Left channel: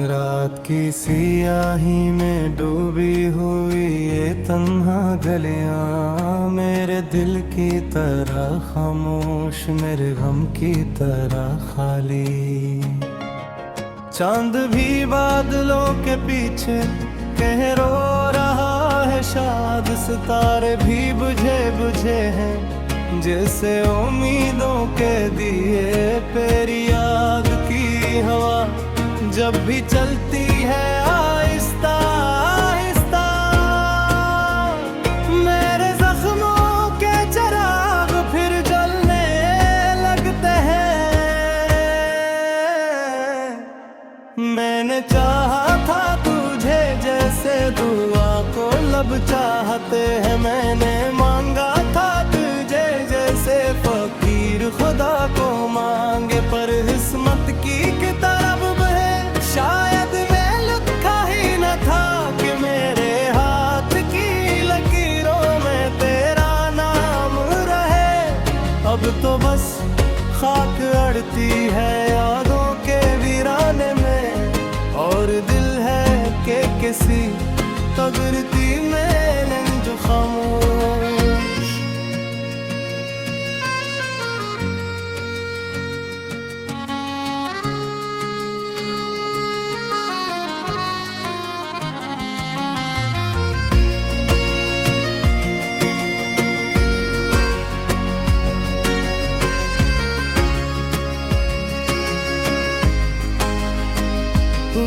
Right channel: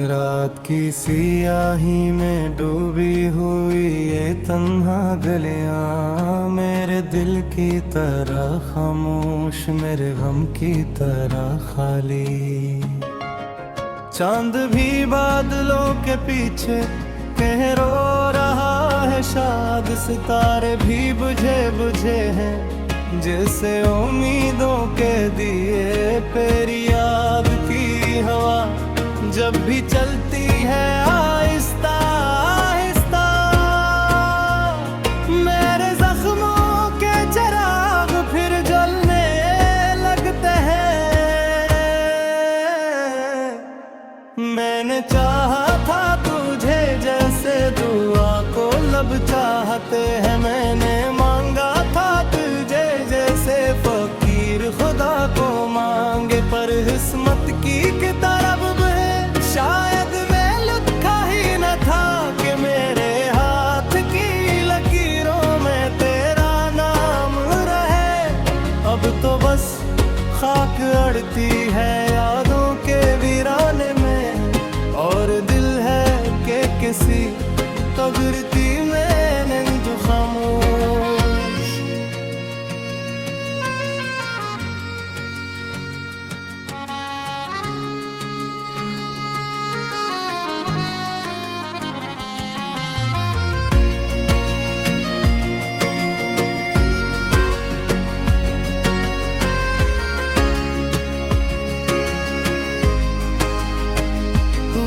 रात की सियाही में डूबी हुई ये तन्हा गलियां मेरे दिल की तरह खामोश, मेरे गम की तरह खाली। चांद भी बादलों के पीछे कह रो रहा है शाद, सितारे भी बुझे बुझे हैं जैसे उम्मीदों के दिए। तेरी याद की हवा जब भी चलती है आहिस्ता आहिस्ता, मेरे जख्मों के चिराग फिर जलने लगते हैं। मैंने चाहा था तुझे जैसे दुआ को लब चाहते हैं, मैंने मांगा था तुझे जैसे फकीर खुदा को मांगे। पर किस्मत की तरफ है शायद मैं लिखा ही न था कि मेरे हाथ की लकीरों में तेरा नाम रहे। अब तो बस खाक अड़ती है यादों के वीराने में, और दिल है कि किसी कदरती मैंने जो खामोश।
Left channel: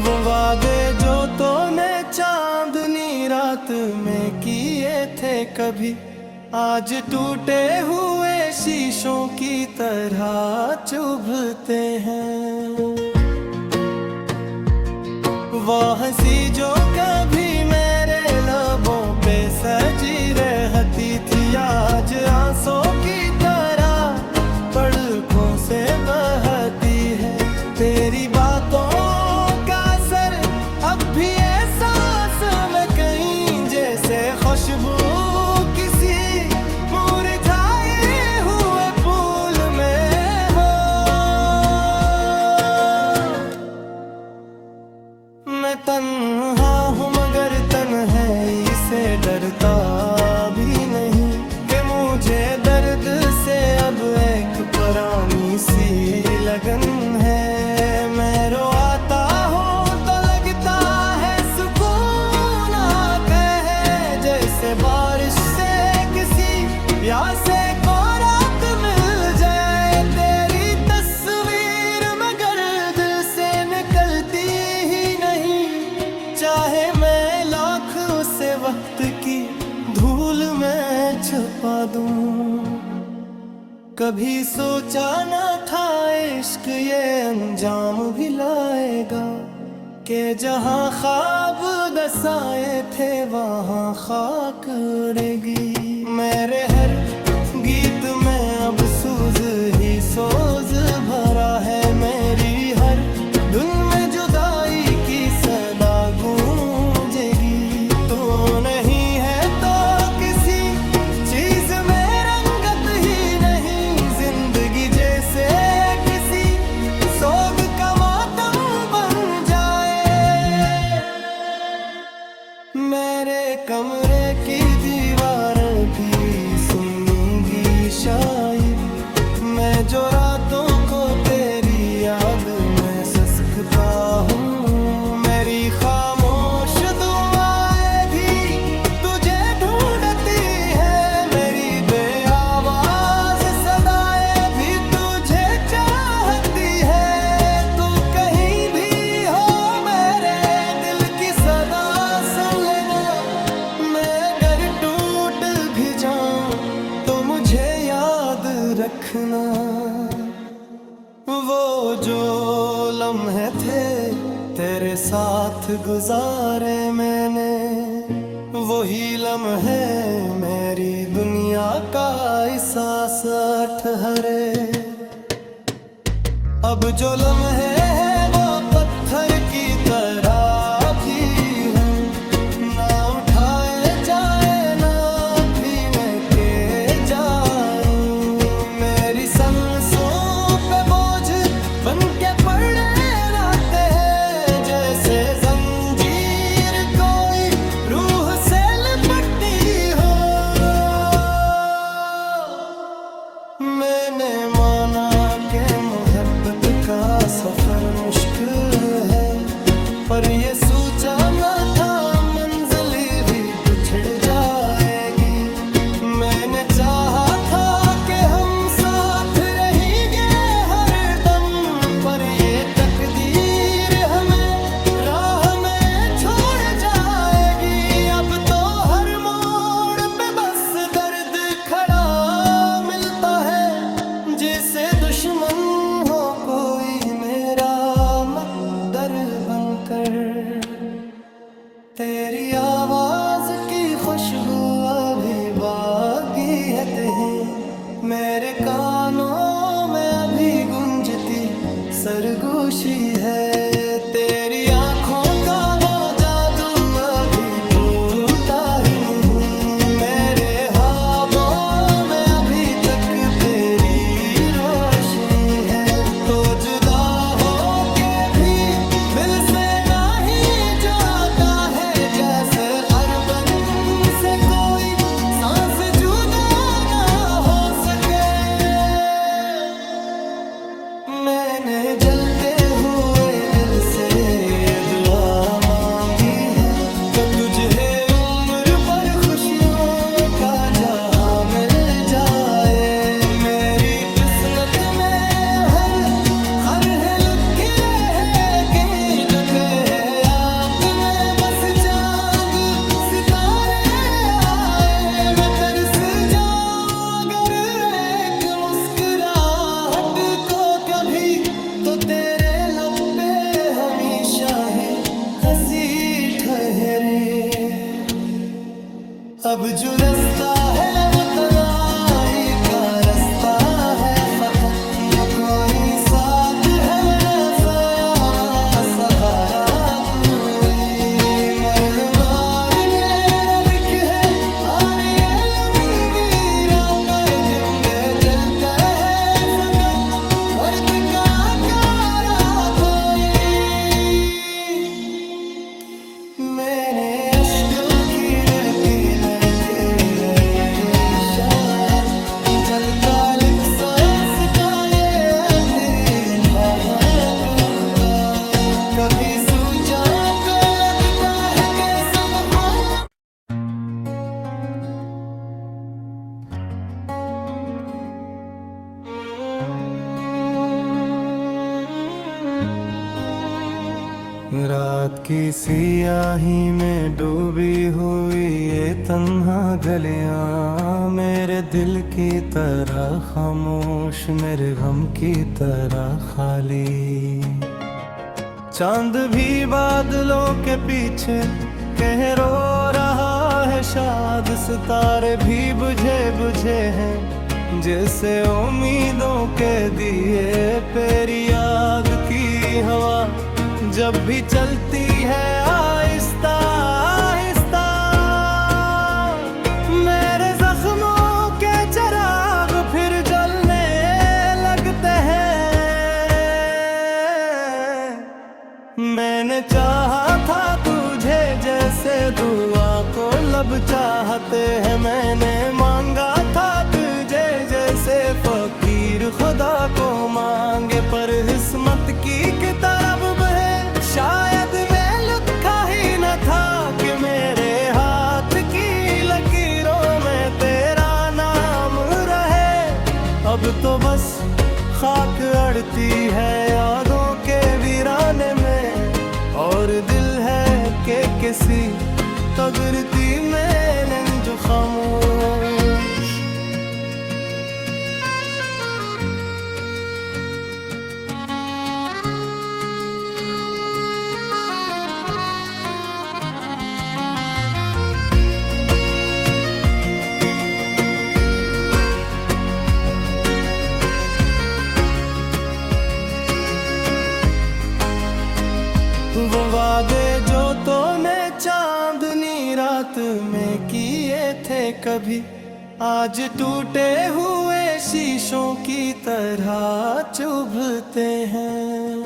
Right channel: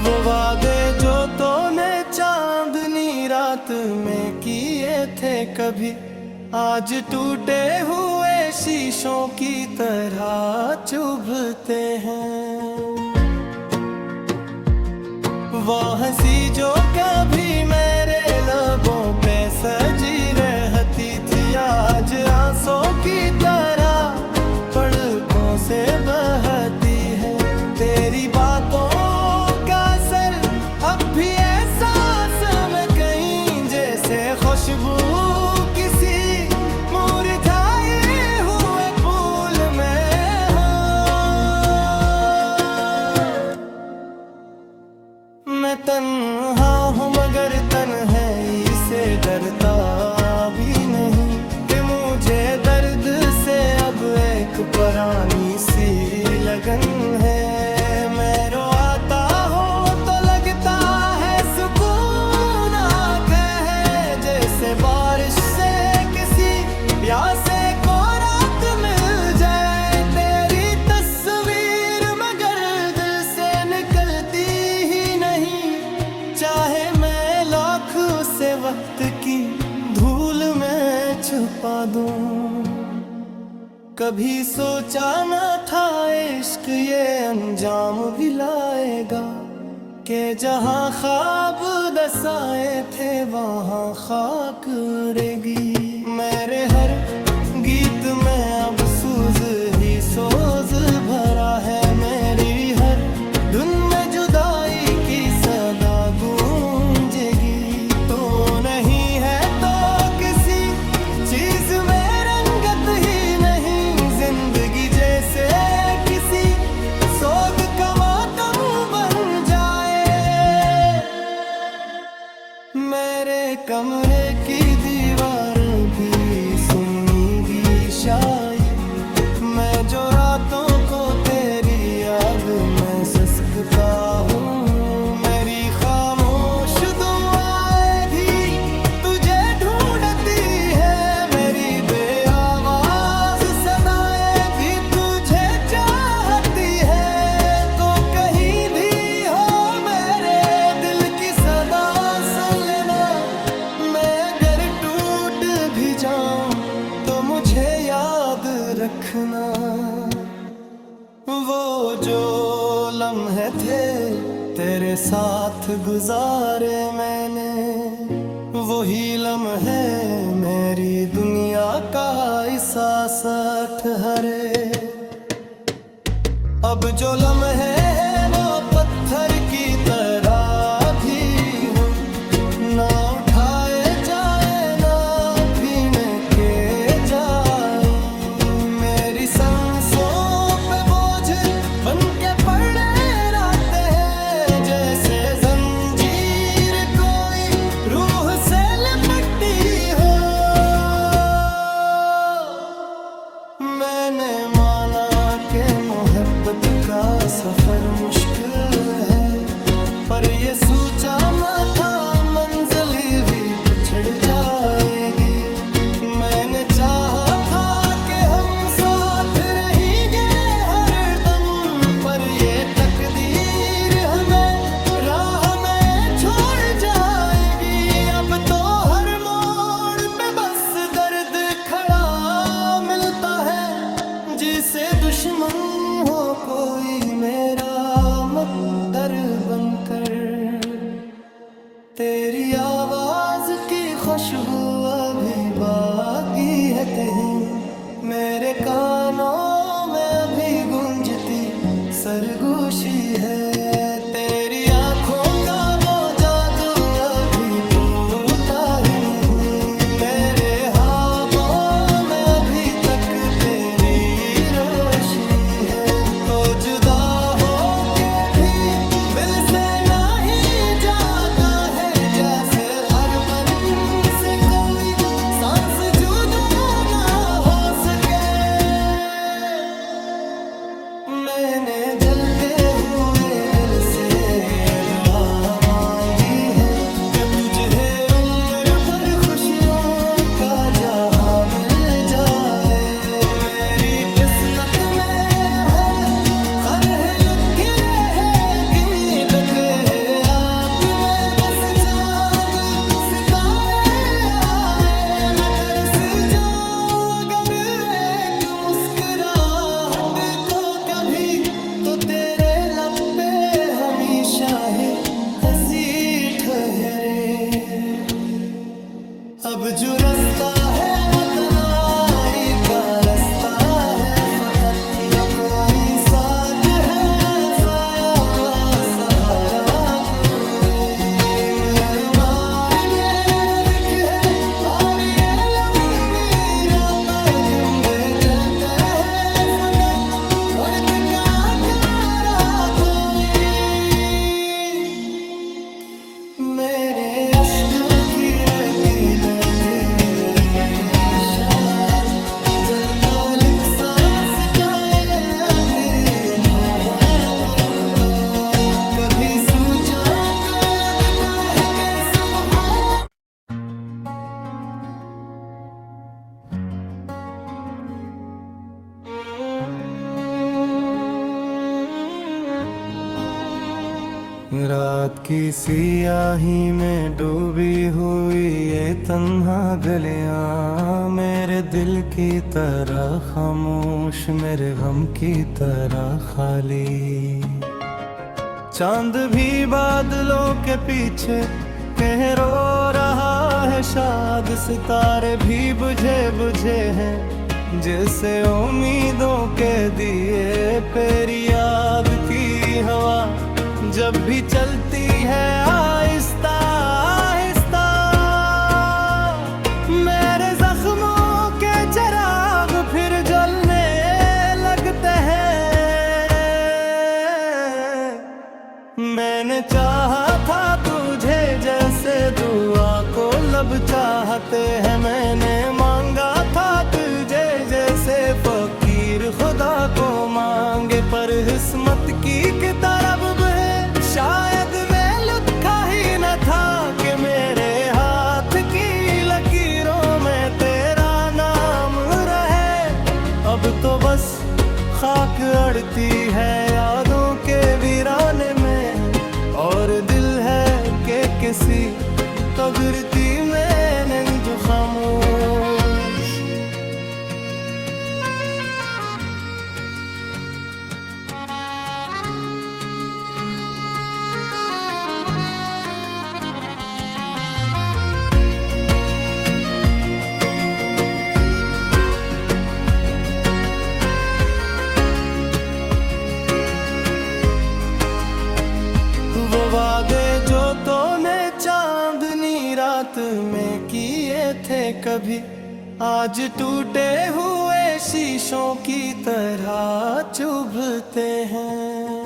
वो वादे जो तूने चांदनी रात में किए थे कभी आज टूटे हुए शीशों की तरह चुभते हैं। वो हंसी जो कभी मेरे लबों पे सजी रहती थी आज आंसू की तरह पलकों से बहती है। तेरी बातों अब भी एहसास में कहीं जैसे खुशबू किसी मुरझाए हुए फूल में हो। मैं तन्हा हूँ मगर तन्हाई से डरता भी नहीं कि मुझे दर्द से अब एक पुरानी सी लगन है। मैं रोता हूँ जैसे बारिश से किसी प्यासे को रात मिल जाए। तेरी तस्वीर मगर दिल से निकलती ही नहीं, चाहे मैं लाख से वक्त की धूल में छुपा दूं। कभी सोचा न था इश्क ये अंजाम भी लाएगा, के जहाँ ख्वाब दसाए थे वहाँ खाक उड़ेगी। मेरे हर गीत में अब सूज ही सोज भरा है, मेरी हर धुन में जुदाई की सदा गूंजेगी। तो नहीं है तो किसी चीज में रंगत ही नहीं, जिंदगी जैसे किसी सोग का मातम मेरे कमरे की दीवार भी सुनेगी शायद। मैं जो रातों को तेरी याद में ससकता हूँ, मेरी खामोश दुआएं भी तुझे ढूंढती है। मेरी बेआवाज सदाएं भी तुझे चाहती है। तो कहीं भी हो मेरे दिल की सदा भी जाऊं तो मुझे याद रखना। वो जो लम्हे थे तेरे साथ गुजारे मैंने, वही लम्हे मेरी दुनिया का एहसास ठहरे। अब जो लम्हे हैं वो पत्थर की तरह भी हूँ, ना उठाए जाए के जाई। मेरी सांसों पे बोझ बन के पड़े रहते हैं जैसे सफर मुश्किल है, पर ये सोचा न था मंजिल भी बिछड़ जाएगी। मैंने चाहा था कि हम साथ रहेंगे हर दम, पर ये तकदीर हमें राह में छोड़ जाएगी। अब तो हर मोड़ पे बस दर्द खड़ा मिलता है, जिसे दुश्मन हो कोई मेरा मकदर बनकर। तेरी आवाज की खुशबू अभी बाकी है कहीं, मेरे कानों में अभी गूंजती सरगोशी है। तेरी आंखों का वो जादू अभी टूटा ही नहीं, मेरे ख्वाबों में अभी तक तेरी रोशनी है। तो जुदा हो के भी दिल से नहीं जाता है, जैसे अरबन से कोई सांस जुदा ना हो सके। मैंने जलते हुए दिल से ये दुआ मांगी है कि तुझे उम्र पर खुशियों का जहां मिल जाए। मेरी किस्मत में हर लुकी रहे कहीं दबे है आग में, बस चांद सितारे आए मैं तरस जाऊं अगर एक मुस्कुराहट को कभी, तो तेरे लब पे हमेशा ही हंसी ठहरे। अब जो रास्ता है वो तन्हाई का रास्ता है, फकत न कोई साथ है, रसाया सहारा कोई मरहमार मेरा दिख है। और ये लंबी रातें जिंदे जलता है फकत वर्त का कारा कोई। मेरे अश्कों की नदी में गिर रहे शायद, जब तालिक सांस का ये तेरी खातों का कभी सूझा तो लगता है कि सब हाँ। रात की सियाही में डूबी हुई ये तन्हा गलियां, मेरे दिल की तरह खामोश, मेरे गम की तरह खाली। चांद भी बादलों के पीछे कह रो रहा है शाद, सितारे भी बुझे बुझे हैं जैसे उम्मीदों के दिए। तेरी याद की हवा जब भी चलती है आहिस्ता आहिस्ता, मेरे जख्मों के चिराग फिर जलने लगते हैं। मैंने चाहा था तुझे जैसे दुआ को लब चाहते हैं, मैंने मांगा था तुझे जैसे फकीर खुदा को मांगे। पर किस्मत की तरफ है शायद वे लिखा ही न था कि मेरे हाथ की लकीरों में तेरा नाम रहे। अब तो बस खाक अड़ती है यादों के वीराने में, और दिल है कि किसी तगरती में जो खामोश। वो वादे जो तूने चांदनी रात में किए थे कभी, आज टूटे हुए शीशों की तरह चुभते हैं।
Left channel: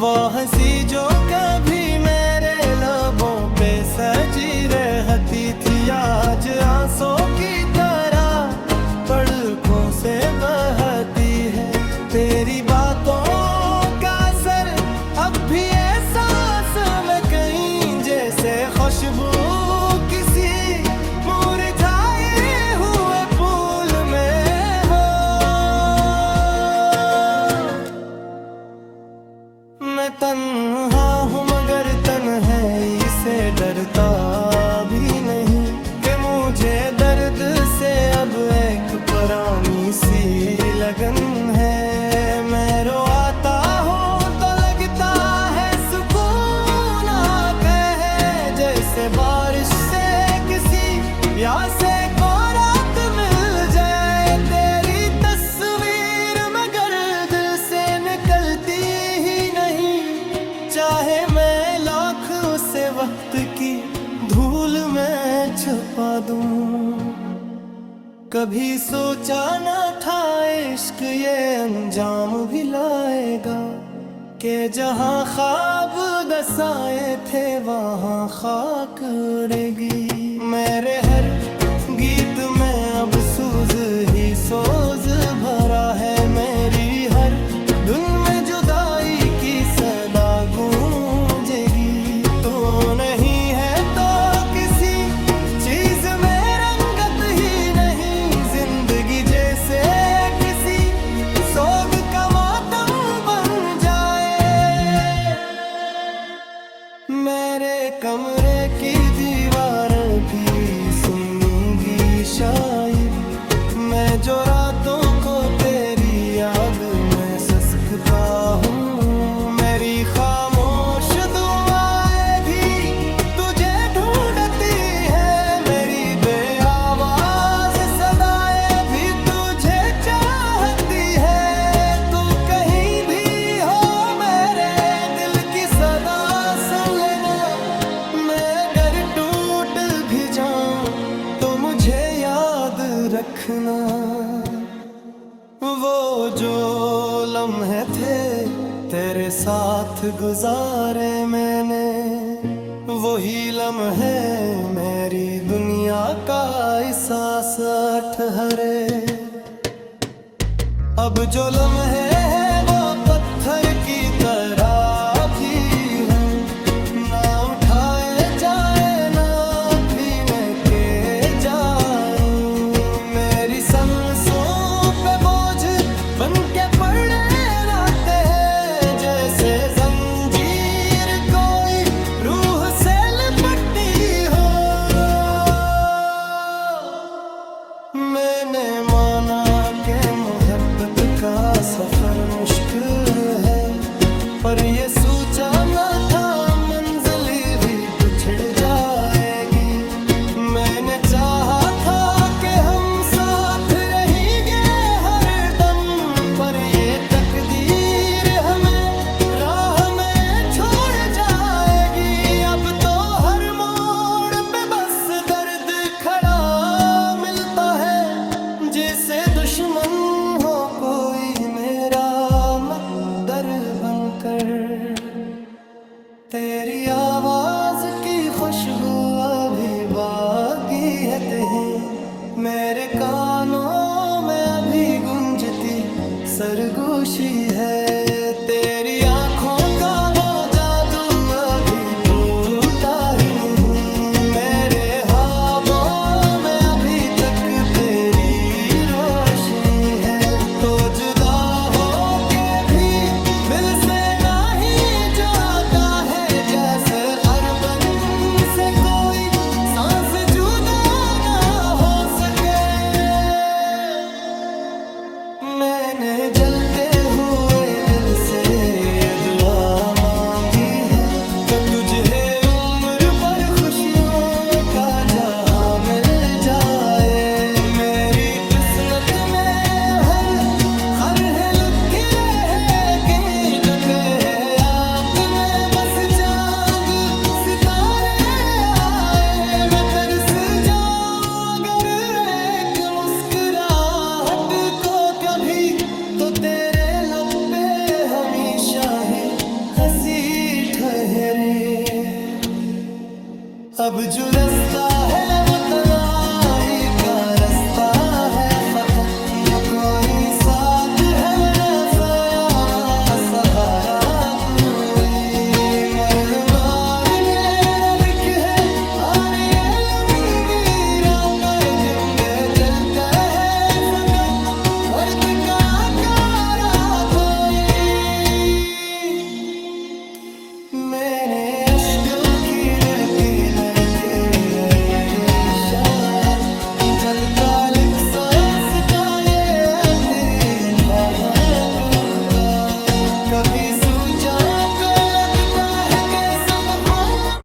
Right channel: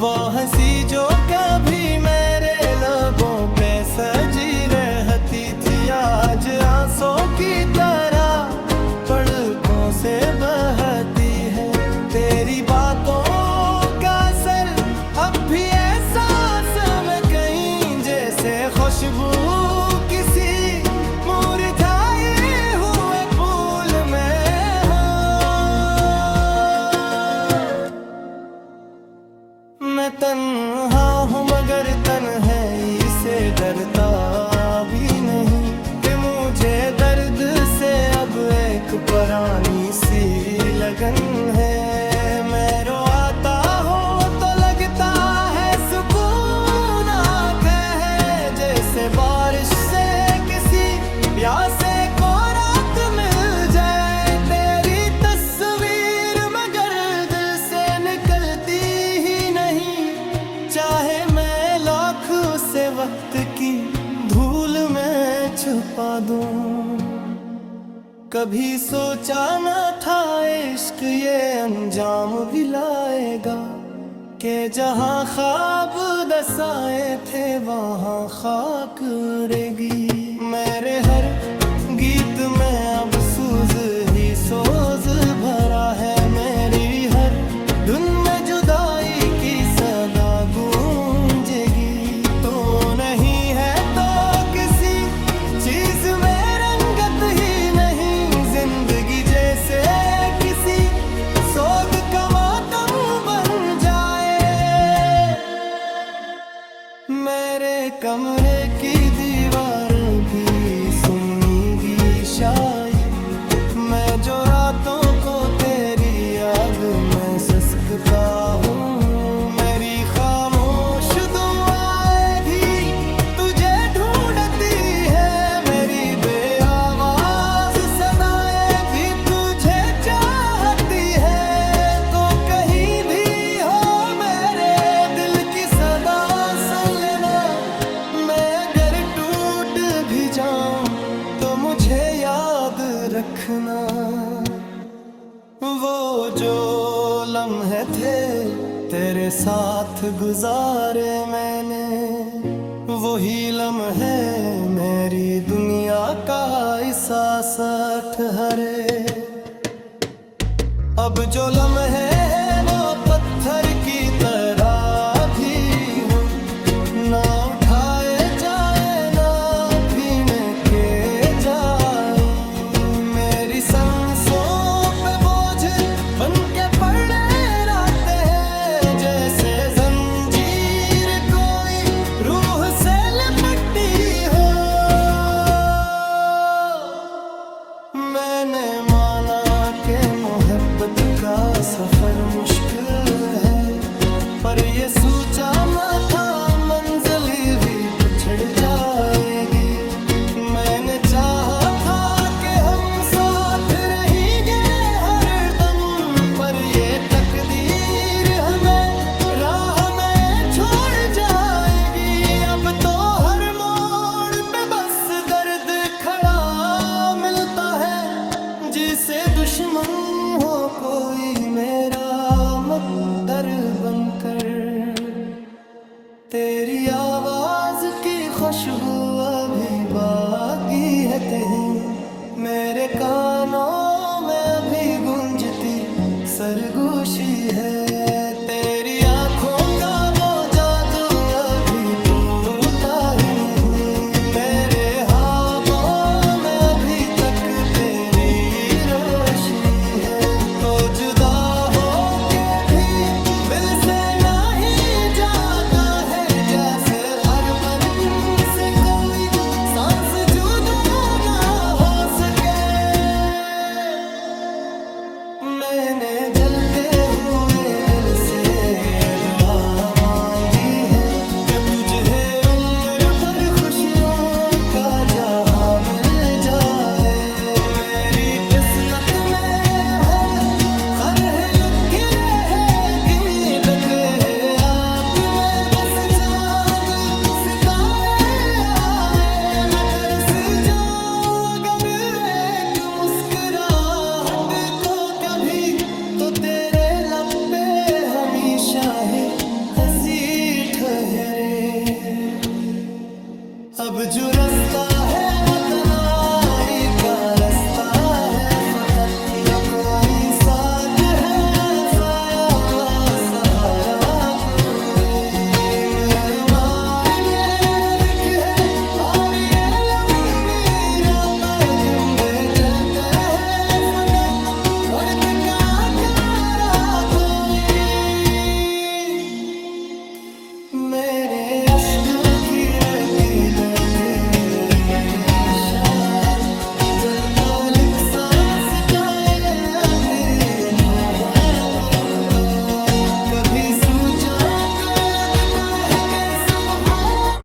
वो हंसी जो कभी मेरे लबों पे सजी रहती थी, आज आंसू की तरह पलकों से बहती है। जैसे खुशबू किसी मुरझाए हुए फूल में हो। मैं तन्हा हूँ मगर तन्हाई से डरता भी नहीं, कि मुझे दर्द से अब एक पुरानी सी लगन है। मैं रोता हूँ तो लगता है सुकून आता है, जैसे बारिश से किसी प्यासे को रात मिल जाए। तेरी तस्वीर मगर दिल से निकलती ही नहीं, चाहे मैं लाख उसे वक्त की धूल में छुपा दूं। कभी सोचा न था इश्क ये अंजाम भी लाएगा, कि जहां ख्वाब दसाए थे वहां खाक उड़ेगी। मेरे हर गीत में अब सूज ही सोज भरा है, मेरी हर धुन में जुदाई की सदा गूंजेगी। तो नहीं है तो किसी चीज में रंगत ही नहीं, जिंदगी जैसे किसी सोग का मातम बन जाए। मेरे कमरे की दीवार भी सुनेगी शायद, मैं जो रातों को तेरी याद में ससकता हूँ। मेरी खामोश दुआएं भी तुझे ढूंढती है, मेरी बेआवाज सदाएं भी तुझे चाहती है। तो कहीं भी हो मेरे दिल की सदा सुन लेना, मैं अगर टूट भी जाऊं तो मुझे याद रखना। वो जो लम्हे थे तेरे साथ गुजारे मैंने, वही लम्हे मेरी दुनिया का एहसास ठहरे। अब जो लम्हे हैं वो पत्थर की तरह भी हो, ना उठाए जाए ना भीने के जाए। मेरी सांसों पे बोझ बन के पड़े रहते हैं, जैसे जंजीर कोई रूह से लिपटी हो। मैंने माना कि मोहब्बत का सफर मुश्किल है, पर ये सोचा न था मंजिल भी बिछड़ जाएगी। मैंने चाहा था कि हम साथ रहेंगे हर दम, पर ये तकदीर हमें राह में छोड़ जाएगी। अब तो हर मोड़ पे बस दर्द खड़ा मिलता है, जिसे दुश्मन हो कोई मेरा मकदर बनकर। तेरी आवाज की खुशबू अभी बागी है कहीं, मेरे कानों में अभी गूंजती सरगोशी है। तेरी आंखों का वो जादू अभी टूटा ही नहीं, मेरे ख्वाबों में अभी तक तेरी रोशनी है। तो जुदा हो के भी दिल से नहीं जाता है, जैसे अरबन से कोई सांस जुदा ना हो सके। मैंने जलते हुए दिल से ये दुआ मांगी है, कि तुझे उम्र पर खुशियों का जहां मिल जाए। मेरी किस्मत में हर लुक रहे कहीं डके आप में, बस चांद सितारे आए। मैं तरस जाऊं अगर एक मुस्कुराहट को कभी, तो तेरे लब पे हमेशा ही हंसी ठहरे। अब जो रास्ता है वो तन्हाई का रास्ता है, फकत न कोई साथ है, रसाया वा सहारा कोई। मरहमार ने रग कभी सूझा तो लगता है कि सब हार।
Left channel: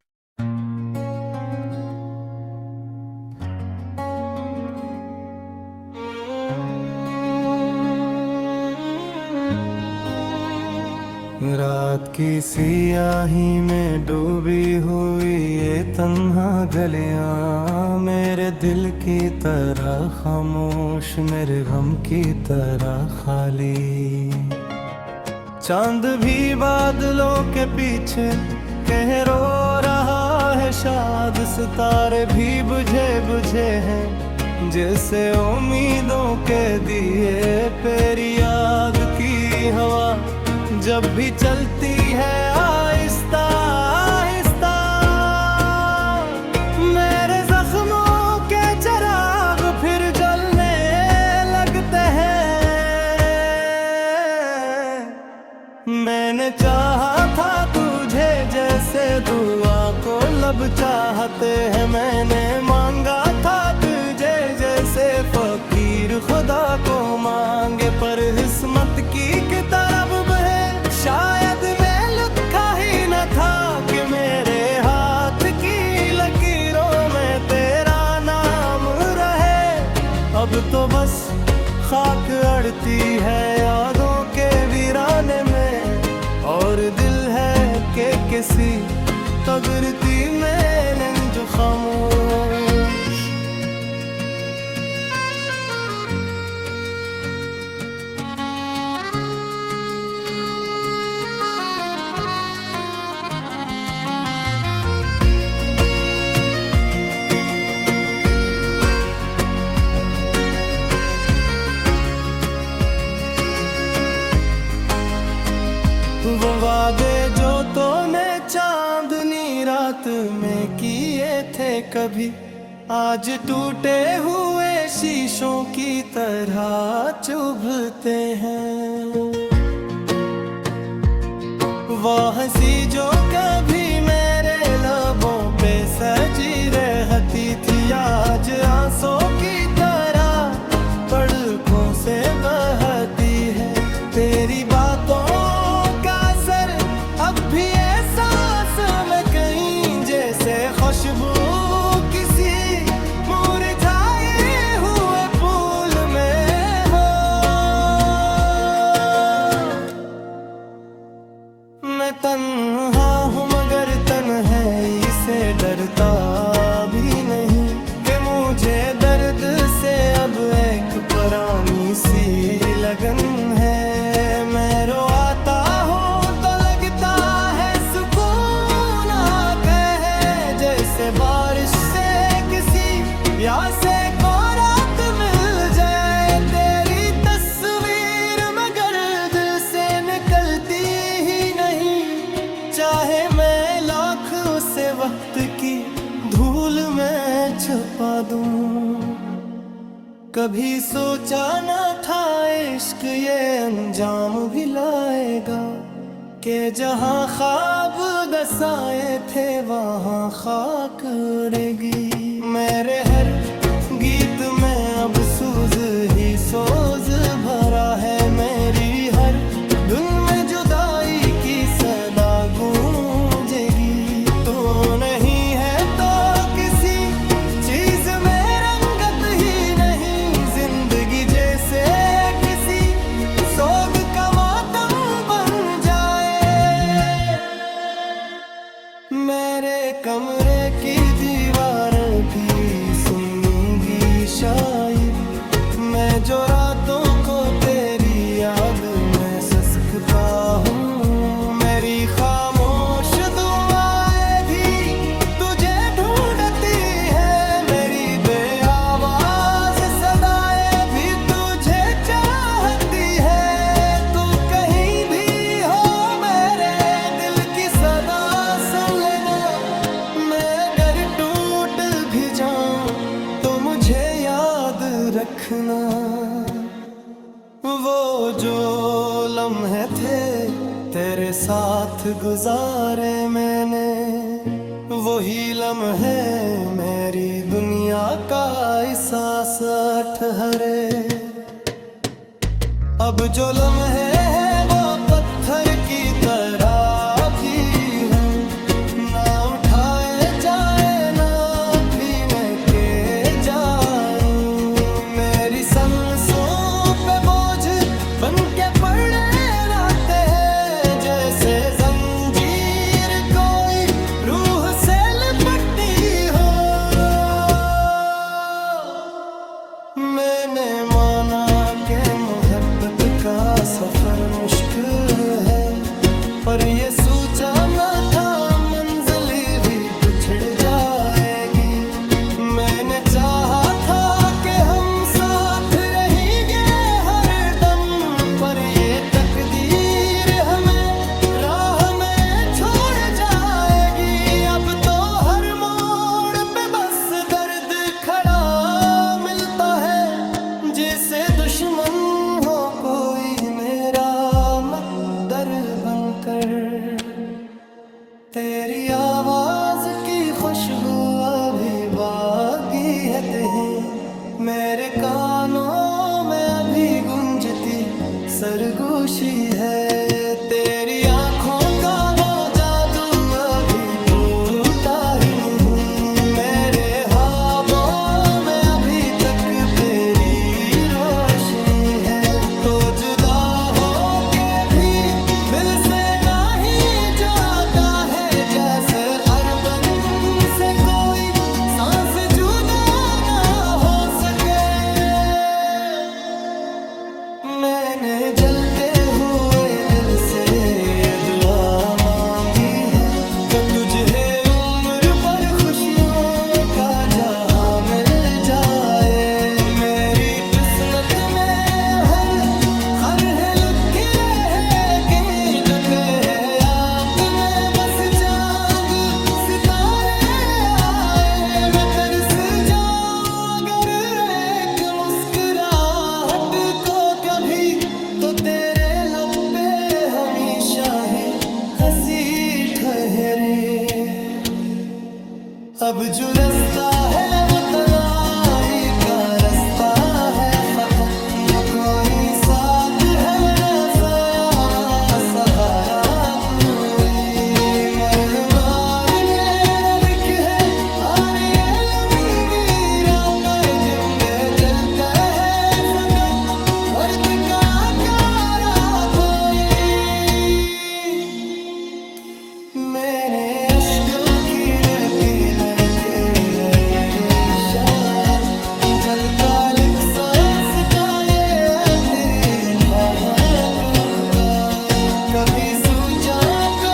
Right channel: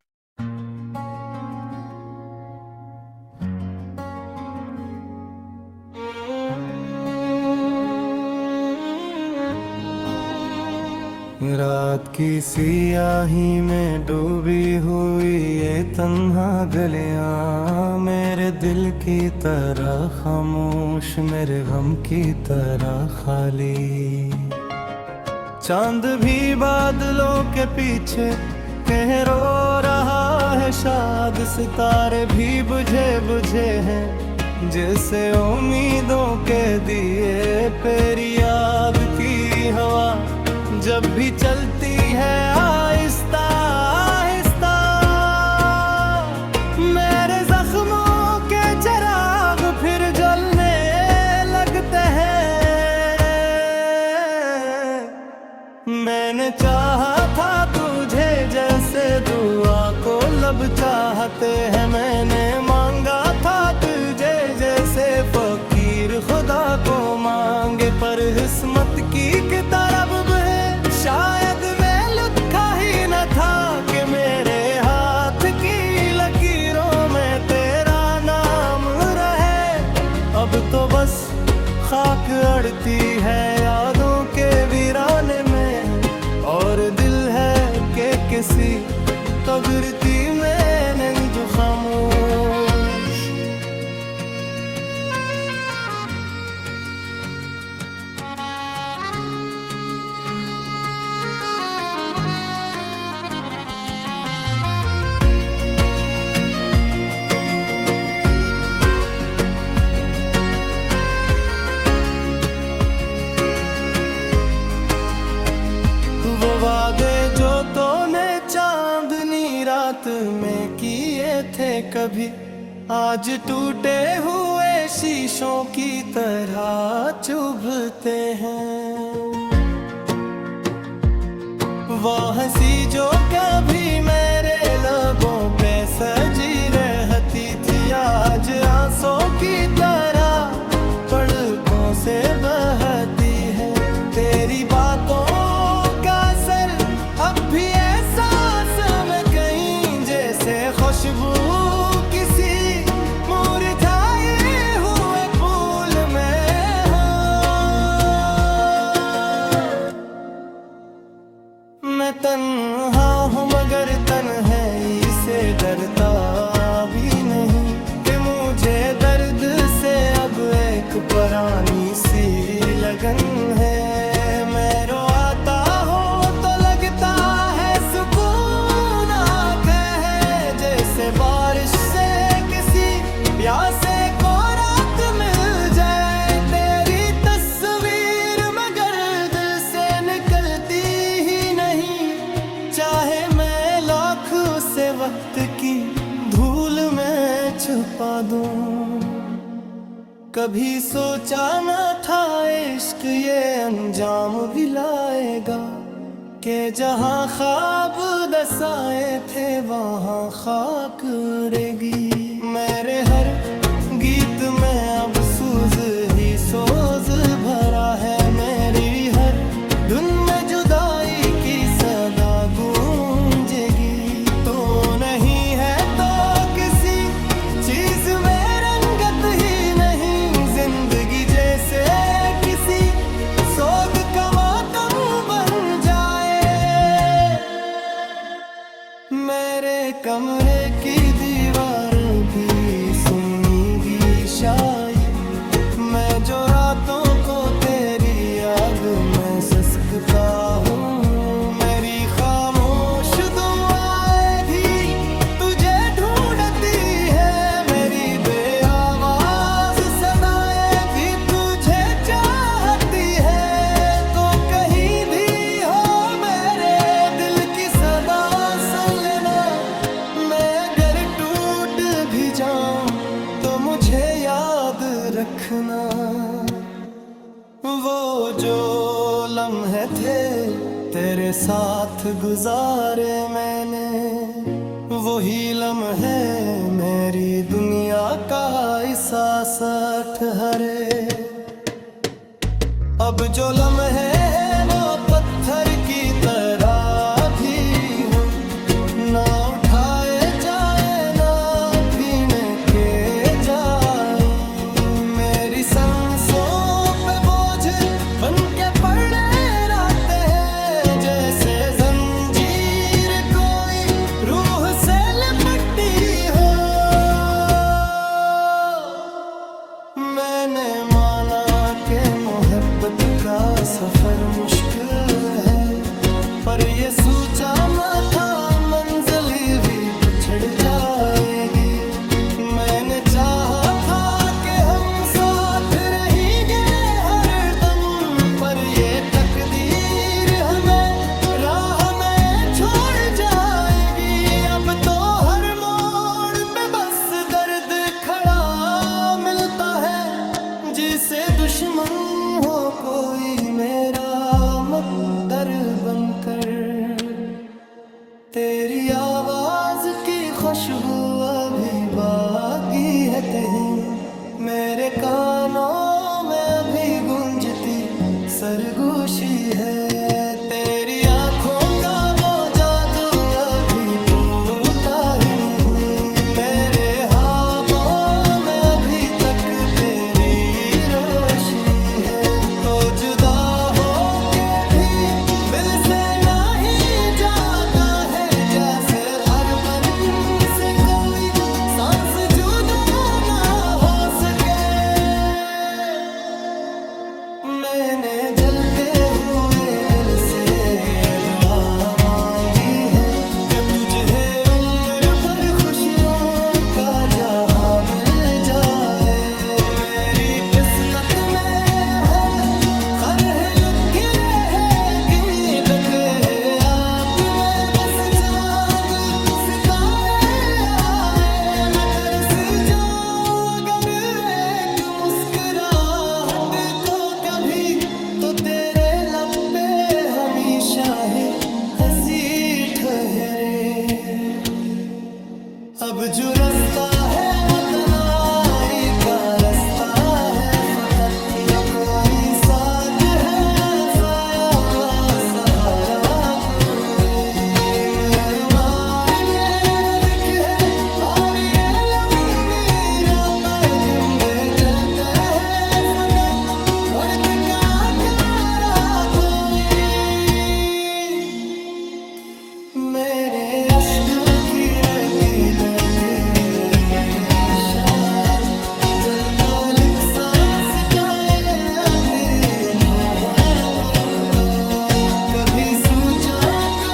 रात की सियाही में डूबी हुई ये तन्हा गलियां, मेरे दिल की तरह खामोश, मेरे गम की तरह खाली। चांद भी बादलों के पीछे कह रो रहा है शाद, सितारे भी बुझे बुझे हैं जैसे उम्मीदों के दिए। तेरी याद की हवा जब भी चलती है आहिस्ता आहिस्ता, मेरे जख्मों के चिराग फिर जलने लगते हैं। मैंने चाहा था तुझे जैसे दुआ को लब चाहते हैं, मैंने मांगा था तुझे जैसे फकीर खुदा को मांगे। पर किस्मत की किताब में शायद मैं लिखा ही न था कि मेरे हाथ की लकीरों में तेरा नाम रहे। अब तो बस खाक अड़ती है यादों के वीराने में, और दिल है कि किसी तगरती में नंज खामोश। वो वादे जो तूने चांदनी रात में किए थे कभी, आज टूटे हुए शीशों की तरह चुभते हैं। वो हंसी जो कभी मेरे लबों पे सजी रहती थी, आज आंसू की तरह पलकों से बहती है। तेरी बातों अब भी एहसास में कहीं जैसे खुशबू किसी मुरझाए हुए फूल में हो। मैं तन्हा हूँ मगर तन्हाई से डरता भी नहीं, कि मुझे दर्द से अब एक पुरानी सी लगन है। मैं रोता हूँ जैसे बारिश से किसी प्यासे को रात मिल जाए। तेरी तस्वीर मगर दिल से निकलती ही नहीं, चाहे मैं लाख से वक्त की धूल में छुपा दूं। कभी सोचा न था इश्क ये अंजाम भी लाएगा, कि जहाँ ख्वाब दसाए थे वहाँ खाक उड़ेगी। मेरे हर गीत में अब सूज ही सोज भरा है, मेरी हर धुन में जुदाई की सदा गूंजेगी। तो नहीं है तो किसी चीज में रंगत ही नहीं, जिंदगी जैसे किसी सोग का मातम बन जाए। मेरे कमरे की दीवार भी सुनेगी शायद, मैं जो रातों को तेरी याद में ससकता हूँ। मेरी खामोश दुआएं भी तुझे ढूंढती है, मेरी बेआवाज सदाएं भी तुझे चाहती है। तो कहीं भी हो मेरे दिल की सदा सुन लेना, मैं अगर टूट भी जाऊं तो मुझे याद रखना। वो जो लम्हे थे तेरे साथ गुजारे मैंने, वही लम्हे मेरी दुनिया का एहसास ठहरे। अब जो लम्हे है वो पत्थर पत्थर की तरह भी हूँ, ना उठाए जाए ना भीने के जाए। मेरी सांसों पे बोझ बन के पड़े रहते हैं, जैसे जंजीर कोई रूह से लिपटी हो। मैंने माना कि मोहब्बत का सफर मुश्किल है, पर ये सोचा न था मंजिल भी बिछड़ जाएगी। मैंने चाहा था कि हम साथ रहेंगे हर दम, पर ये तकदीर हमें राह में छोड़ जाएगी। अब तो हर मोड़ पे बस दर्द खड़ा मिलता है, जिसे दुश्मन हो कोई मेरा मकदर बनकर। तेरी आवाज की खुशबू अभी बाकी है कहीं, मेरे कानों में अभी गूंजती सरगोशी है। तेरी आंखों का वो जादू अभी टूटा ही नहीं, मेरे ख्वाबों में अभी तक तेरी रोशनी है। तो जुदा हो के भी दिल से नहीं जाता है, जैसे अरबन से कोई सांस जुदा ना हो सके। मैंने जलते हुए दिल से ये दुआ मांगी है कि तुझे उम्र पर खुशियों का जहां मिल जाए। मेरी किस्मत में हर लुक रहे कहीं डके है, आप में बस चांद सितारे आए। मैं तरस जाऊं अगर एक मुस्कुराहट को कभी, तो तेरे लब पे हमेशा ही हंसी ठहरे। अब जो रास्ता है वो तन्हाई का रास्ता है, फकत न कोई साथ है, रसाया व सहारा कोई। मरहमार मेरा दिख है और ये लंबी रातें जिंदे जलता है, फकत वर्त का कारा कोई। मेरे अश्कों की नकीने की रेशा, जब तालिक सांस का ये तेरी था तुमका, कभी सूझा तो